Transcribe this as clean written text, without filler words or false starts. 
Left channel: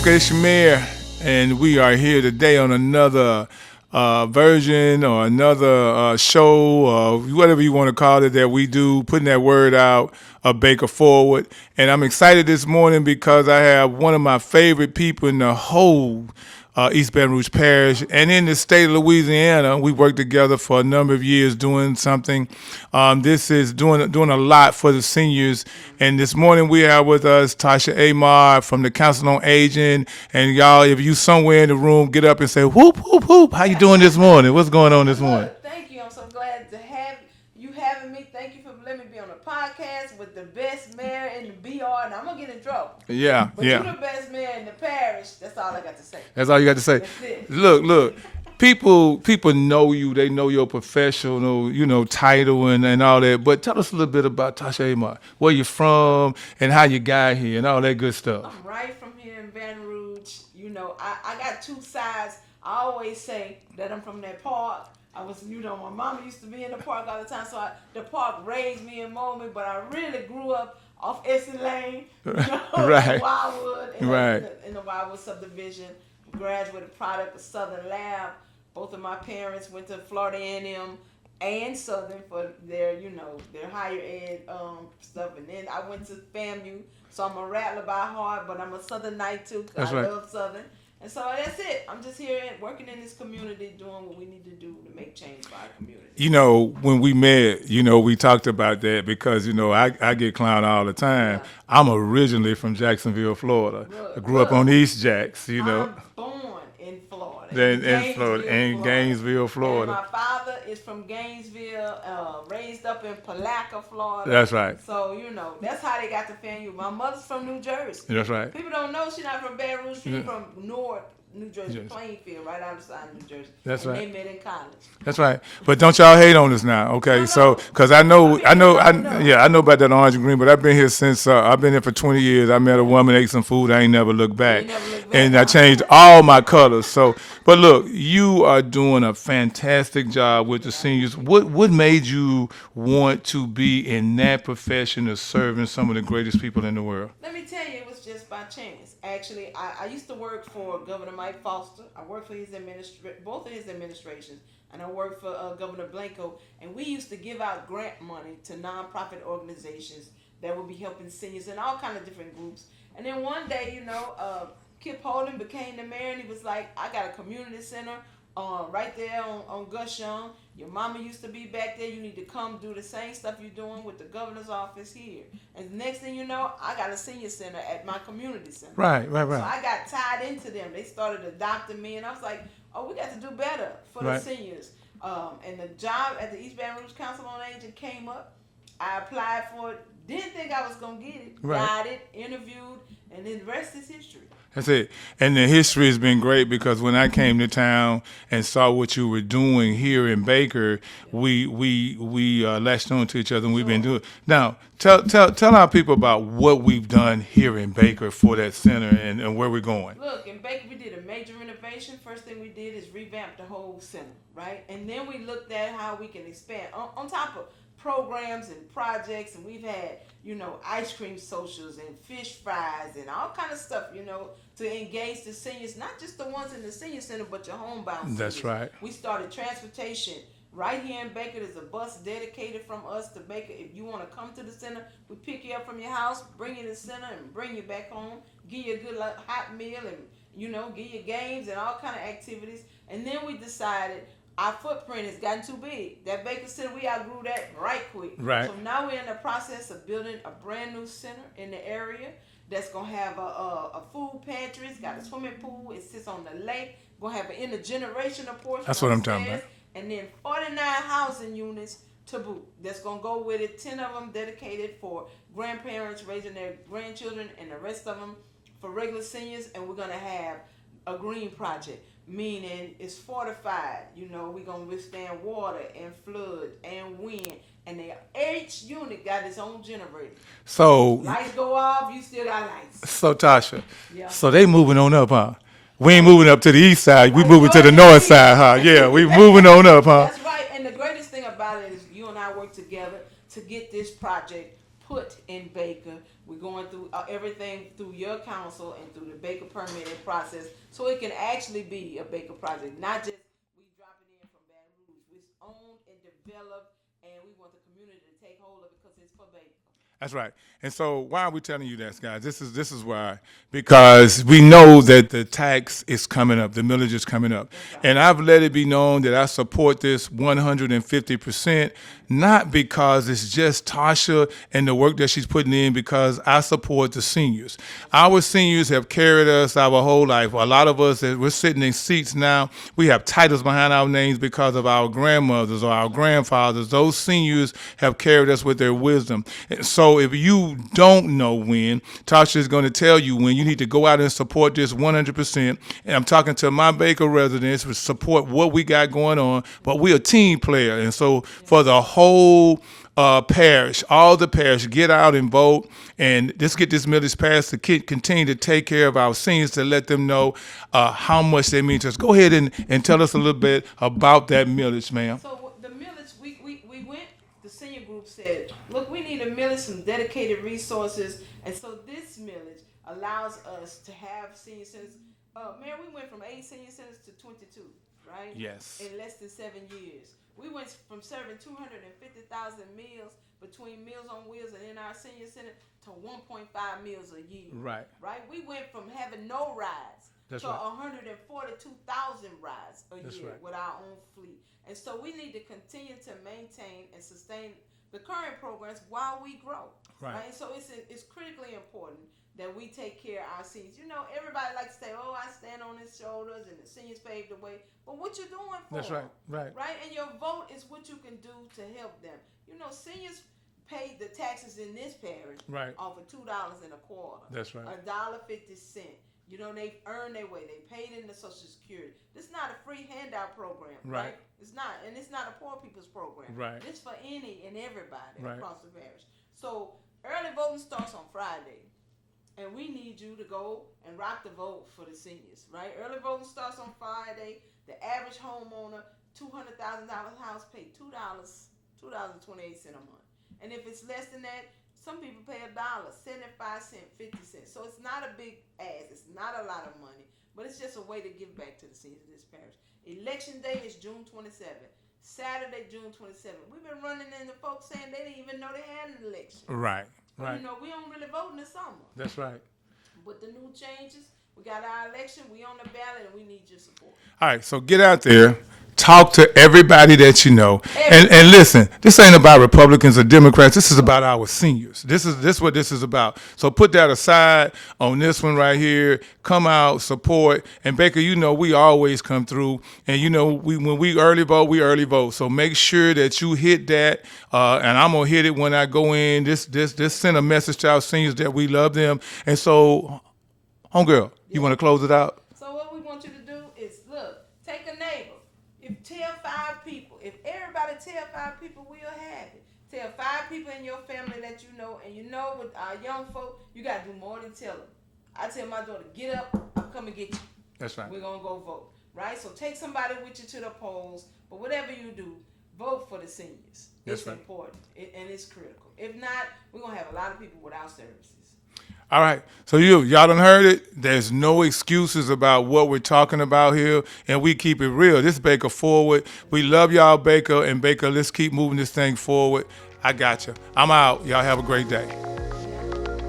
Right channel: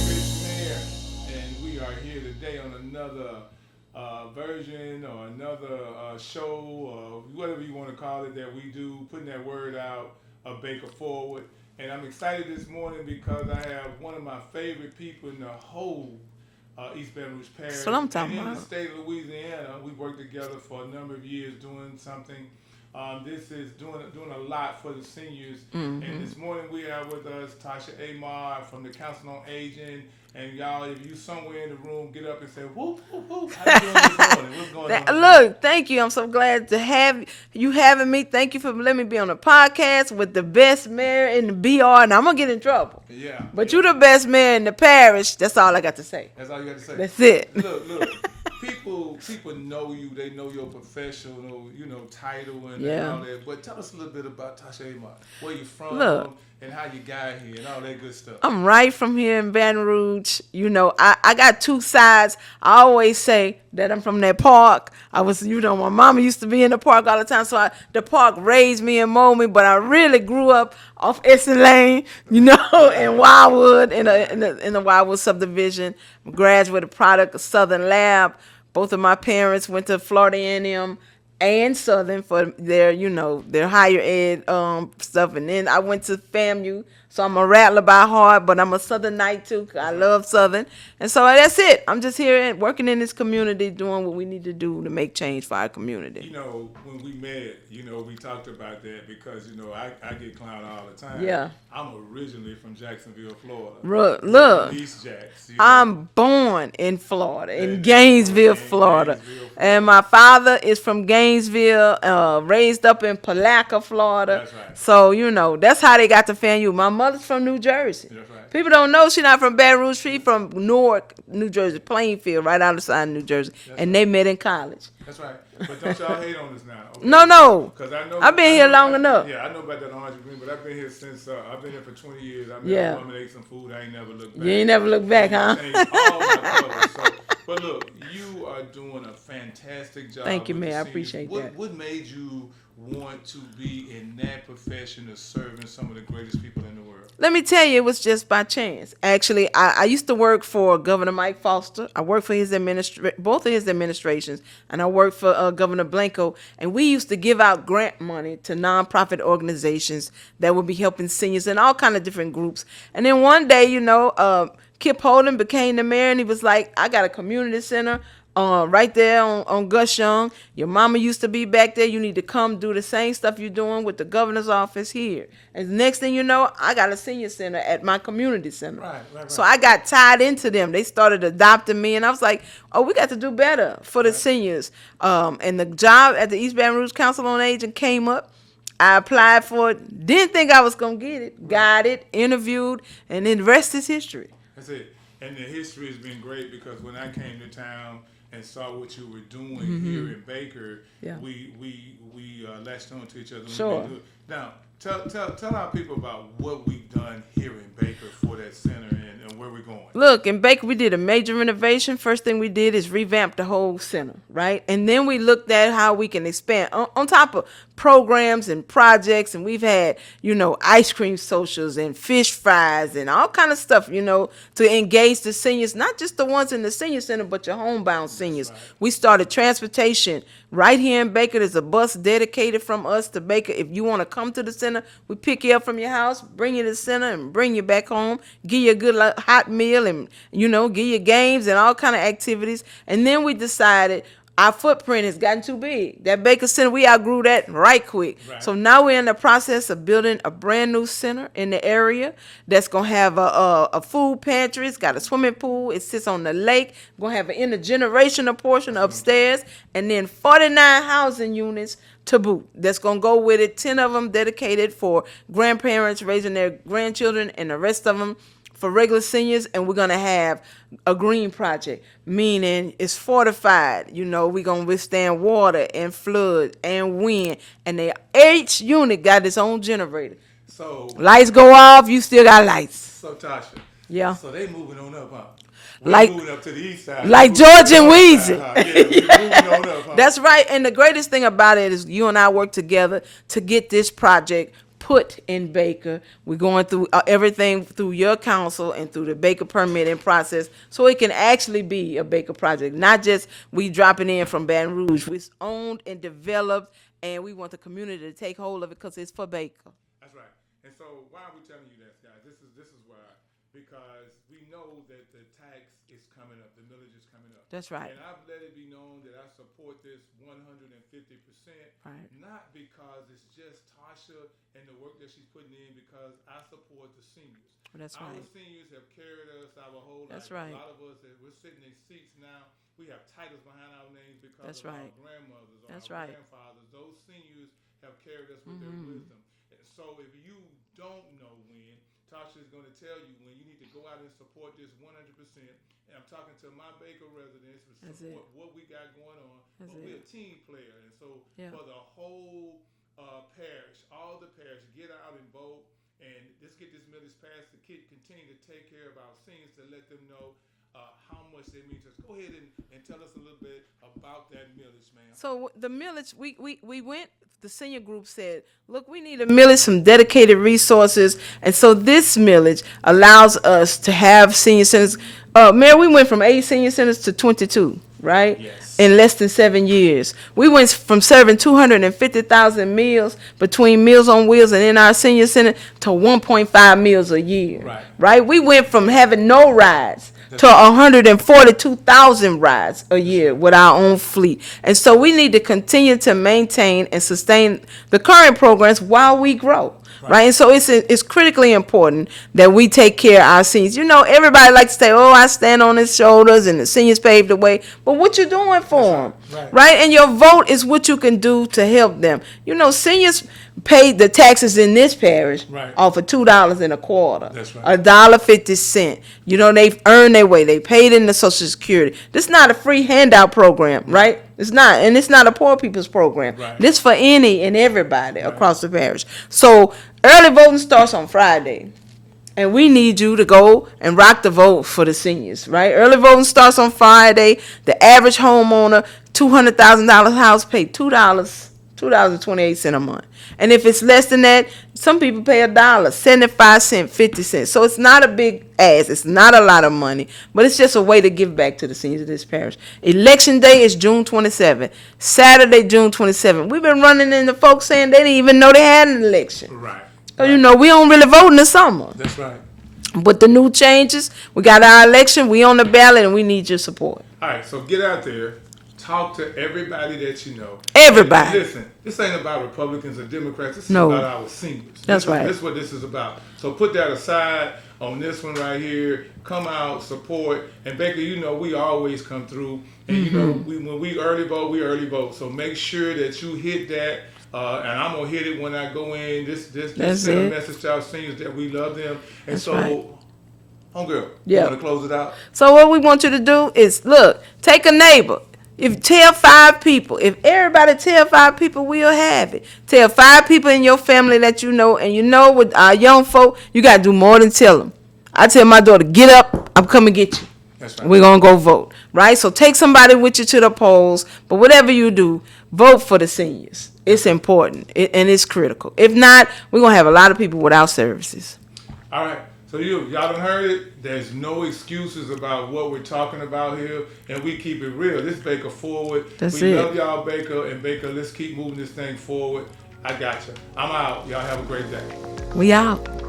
Baker, it's Shamir, and we are here today on another version or another show, or whatever you want to call it, that we do, putting that word out of Baker Forward. And I'm excited this morning because I have one of my favorite people in the whole East Baton Rouge Parish and in the state of Louisiana. We worked together for a number of years doing something. This is doing a lot for the seniors. And this morning we have with us Tasha Amar from the Council on Aging. And y'all, if you somewhere in the room, get up and say, whoop, whoop, whoop. How you doing this morning? What's going on this morning? Look, thank you. I'm so glad to have you having me. Thank you for letting me be on the podcast with the best mayor in the BR. And I'm going to get in trouble. Yeah. But you're the best mayor in the parish. That's all I got to say. That's all you got to say? That's it. Look. People know you. They know your professional, title and all that. But tell us a little bit about Tasha Amar. Where you from and how you got here and all that good stuff. I'm right from here in Baton Rouge. I got two sides. I always say that I'm from that park. I was, my mama used to be in the park all the time. So the park raised me and molded me. But I really grew up off Essen Lane, Right. in Wildwood, in Right. the Wildwood subdivision. Graduated product of Southern Lab. Both of my parents went to Florida A&M and Southern for their, their higher ed stuff. And then I went to FAMU. So I'm a Rattler by heart, but I'm a Southernite too. I love Southern. And so that's it. I'm just here working in this community, doing what we need to do to make change for our community. When we met, we talked about that because, I get clowned all the time. Yeah. I'm originally from Jacksonville, Florida. Look, Grew up on East Jacks. I'm born in Florida, in Gainesville, Florida. And my father is from Gainesville, raised up in Palaca, Florida. That's right. So, that's how they got to FAMU. My mother's from New Jersey. That's right. People don't know she's not from Baton Rouge. She's from Newark, New Jersey, Plainfield, right outside New Jersey. That's and right. they met in college. That's right. But don't y'all hate on us now, okay? No. Because I know, I've been here long enough. Yeah, I know about that orange and green, but I've been here since, I've been here for 20 years. I met a woman, ate some food, I ain't never looked back. You ain't never looked back, And I changed all my colors. But look, you are doing a fantastic job with the seniors. What made you want to be in that profession of serving some of the greatest people in the world? Let me tell you, it was just by chance. Actually, I used to work for Governor Mike Foster. I worked for both of his administrations, and I worked for Governor Blanco. And we used to give out grant money to nonprofit organizations that would be helping seniors and all kind of different groups. And then one day, Kip Holden became the mayor, and he was like, I got a community center right there on Gus Young. Your mama used to be back there. You need to come do the same stuff you're doing with the governor's office here. And the next thing you know, I got a senior center at my community center. Right. So I got tied into them. They started adopting me, and I was like, oh, we got to do better for the seniors. And the job at the East Baton Rouge Council on Aging came up. I applied for it. Didn't think I was going to get it. Right. Got it, interviewed, and then the rest is history. That's it. And the history has been great because when I came to town and saw what you were doing here in Baker, we latched on to each other and we've been doing. Now, tell our people about what we've done here in Baker for that center and where we're going. Look, in Baker, we did a major renovation. First thing we did is revamp the whole center, right? And then we looked at how we can expand on top of programs and projects. And we've had, ice cream socials and fish fries and all kind of stuff, to engage the seniors, not just the ones in the senior center, but your homebound seniors. That's right. We started transportation. Right here in Baker, there's a bus dedicated from us to Baker. If you want to come to the center, we pick you up from your house, bring you to the center, and bring you back home, give you a good hot meal, and, give you games and all kind of activities. And then we decided our footprint has gotten too big. That Baker Center, we outgrew that right quick. Right. So now we're in the process of building a brand new center in the area that's going to have a food pantry. It's got a swimming pool. It sits on the lake. Going to have an intergenerational portion upstairs. And then 49 housing units to boot. That's going to go with it. 10 of them dedicated for grandparents raising their grandchildren, and the rest of them for regular seniors. And we're going to have a green project, meaning it's fortified. We're going to withstand water and flood and wind. And each unit got its own generator. So lights go off, you still got lights. So Tasha, yeah. So they moving on up, huh? We ain't moving up to the east side. Like you moving Georgia to the north Weezy. side, huh? Yeah, we moving on up, huh? That's right. And the greatest thing about it is you and I work together to get this project put in Baker. We're going through everything through your council and through the Baker permitting process, so it can actually be a Baker project, not just we dropping in from Baton Rouge. It's owned and developed, and we want the community to take hold of it because it's for Baker. That's right. And so why are we telling you that, guys? This is why. Because we know that the tax is coming up, the millage is coming up. That's right. And I've let it be known that I support this 150%, not because it's just Tasha and the work that she's putting in, because I support the seniors. Our seniors have carried us our whole life. A lot of us, we're sitting in seats now, we have titles behind our names because of our grandmothers or our grandfathers. Those seniors have carried us with their wisdom. So if you don't know when, Tasha is going to tell you when. You need to go out and support this 100%. And I'm talking to my Baker residents to support what we got going on, but we're a team player. And so for the whole parish, all the parish, get out and vote, and let's get this millage passed to continue to take care of our seniors, to let them know how much they mean to us. Go ahead and tell us a little bit about that millage, ma'am. So the millage, we went, the senior group said, look, we need a millage, some dedicated resources. And so this millage allows us to have senior centers. Mayor, we went from 8 senior centers to 22, right? Yes. In less than 7 years. We went from serving 250,000 meals between Meals on Wheels and in our senior center to 1.5 meals a year. Right? We went from having no rides to 142,000 rides a year with our own fleet. And so we need to continue to maintain and sustain the current programs while we grow. Right? And so it's critically important that we take care of our seniors. You know, everybody likes to say, oh, I stand on his shoulders and the seniors paved the way. But what you doing for them? Right? And your vote is what you can do to help them. You know, seniors paid the taxes in this parish off of $2.25. That's right. $1.50. You know, they've earned their way. They paid in the Social Security. This is not a free handout program, right? It's not. And it's not a poor people's program. This for any and everybody across the parish. So early voting starts on Friday. And we need you to go and rock the vote for the seniors, right? Early voting starts on Friday. The average homeowner, $200,000 house, pay $2.28 a month. And if it's less than that, some people pay $1, 75 cents, 50 cents. So it's not a big ask. It's not a lot of money, but it's just a way to give back to the seniors of this parish. Election day is June 27th. Saturday, June 27th. We've been running into folks saying they didn't even know they had an election. Right. So, you know, we don't really vote in the summer. That's right. But the new changes, we got our election, we on the ballot, and we need your support. All right, so get out there. Talk to everybody that you know. Everybody. And listen, this ain't about Republicans or Democrats. This is about our seniors. That's This is what this is about. So put that aside on this one right here. Come out, support. And Baker, you know, we always come through. And, you know, when we early vote, we early vote. So make sure that you hit that. And I'm going to hit it when I go in. Let's send a message to our seniors that we love them. And homegirl, you want to close it out? So what we want you to do is, look, take a neighbor. If tell 5 people, if everybody tell 5 people, we'll have it. Tell 5 people in your family that you know, and you know with our young folk, you got to do more than tell them. I tell my daughter, get up, I'm coming to get you. That's right. We're going to go vote, right? So take somebody with you to the polls, but whatever you do, vote for the seniors. It's important, and it's critical. If not, we're going to have a lot of people without services. All right. So y'all done heard it. There's no excuses about what we're talking about here, and we keep it real. This is Baker Forward. We love y'all, Baker, and Baker, let's keep moving this thing forward. I got you. I'm out. Y'all have a great day. We out.